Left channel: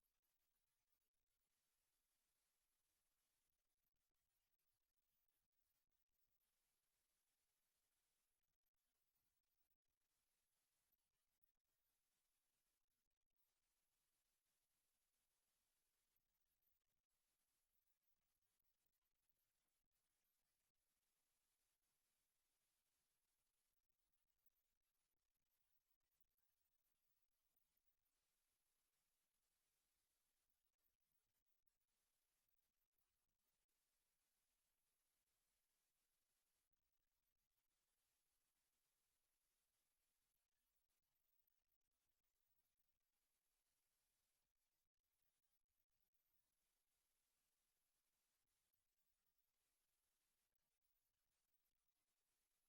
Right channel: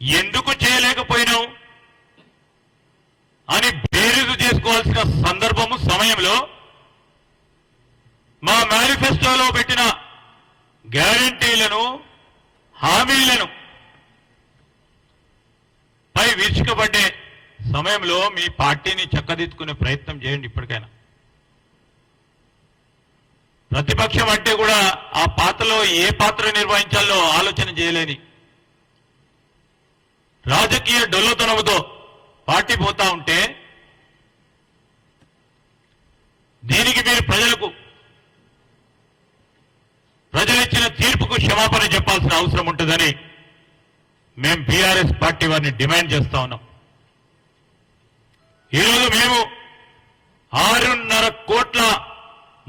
ఎందుకు చేయలేకపోయినావు అని బేరీజు చేసుకోవాల్సిన సందర్భము సమయంలో మా మేనిఫెస్టోలో పెట్టిన గ్యారంటీలను హామీలను పై విరుచుకబడ్డే సమయంలో మీ పార్టీని చక్కదిద్దుకునే ప్రయత్నం చేయండి. ఇప్పటికైనా ప్రతిపక్షం అంటే కూడా ఆ పాత్రలో ఏ పాత్ర నిర్వహించాలో ఆలోచన చేయలేని రాజకీయ డొల్లతనంతో పార్టీ పోతా ఉంటే దీనికి మీరు ప్రజలిచ్చిన తీర్పుకు క్షమాపణ చెప్పాల్సిన అవసరం ఉంటుందని మేము బీఆర్ఎస్ పార్టీ వారిని డిమాండ్ చేస్తా ఉన్నాం. ఈరోజు మేము 6.5 కోట్ల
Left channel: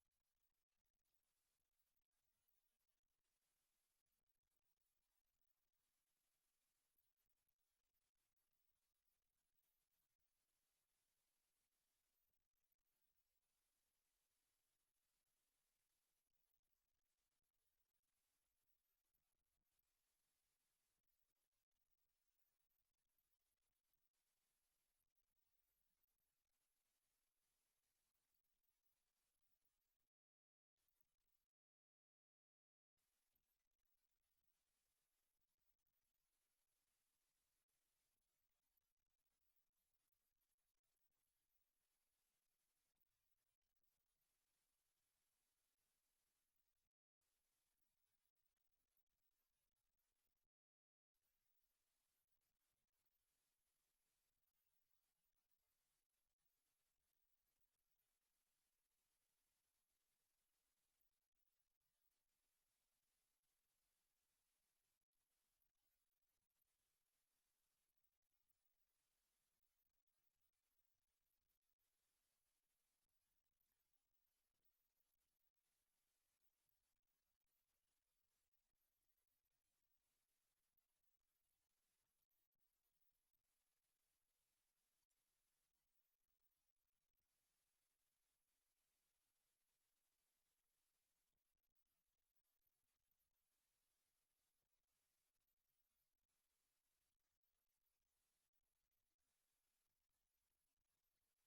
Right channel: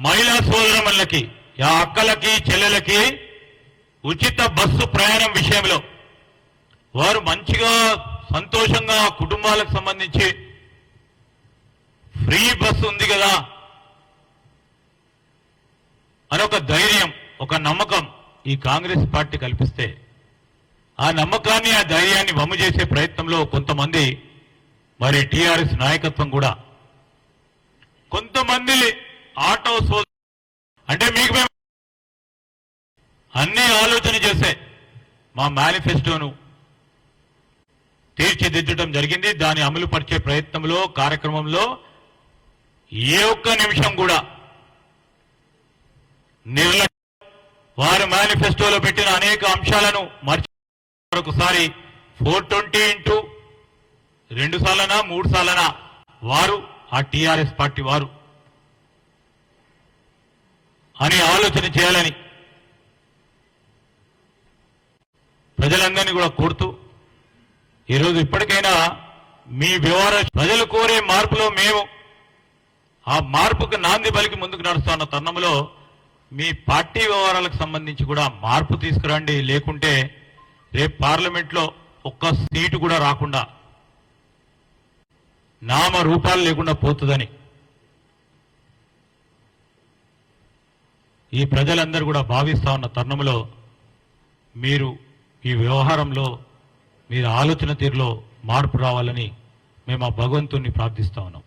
మహిళా సోదరమణులకి ఆ అక్కలకి చెల్లెలకి ఉచిత బస్సు ప్రయాణం విషయంలో వారు మంచిగా సంతోషంగా కుటుంబాలకు సంబంధించి ఫ్రీ బస్సు ఉంది కదా అని ఒక ధైర్యం, ఒక నమ్మకం ఈ కాంగ్రెస్ పార్టీ కల్పిస్తే ఆ నమ్మకాన్ని ఆ ధైర్యాన్ని వమ్ము చేసే ప్రయత్నంలో కొంతమంది మరి టీఆర్ఎస్ నాయకత్వం కూడా కొంతమంది ఆటో అంటే మీకు మేము అన్ని ఆలోచన చేసే మా మేనిఫెస్టోను తీర్చిదిద్దడం జరిగింది. దాన్ని అమలు పరిచే ప్రయత్నంలో కార్యక్రమంలో ఏ ఒక్క నిమిషం కూడా వారు మేనిఫెస్టోలో పెట్టిన అనేక అంశాలను మరొకసారి 420 2 సార్లనా 3 సార్లనా వారు ఆ టీఆర్ఎస్ పార్టీ వారు అని ఆలోచన చేయాలని ప్రజలందరినీ కూడా కోరుతూ ఈరోజు ఇప్పటికైనా మీ వ్యవహార ప్రజలు కోరే మార్పులో మేము ఆ మార్పుకు నాంది పలికి ముందుకు నడుస్తున్న తరుణంలో మీ పార్టీ వ్యవహారాలకు సంబంధించి కూడా మార్పు తీసుకురండి. లేకుంటే రేపు పార్లమెంట్లో ఒక్క సీటు కూడా రాకుండా నామ రూపాలు లేకుండా పోతుందని ఈ ప్రజలందరూ కూడా భావిస్తా ఉన్న తరుణంలో మీరు ఈ వ్యవహారంలో మీరు ఆలోచన తీరులో మార్పు రావాలని మేము ఆ భగవంతుణ్ణి ప్రార్థిస్తా ఉన్నాం.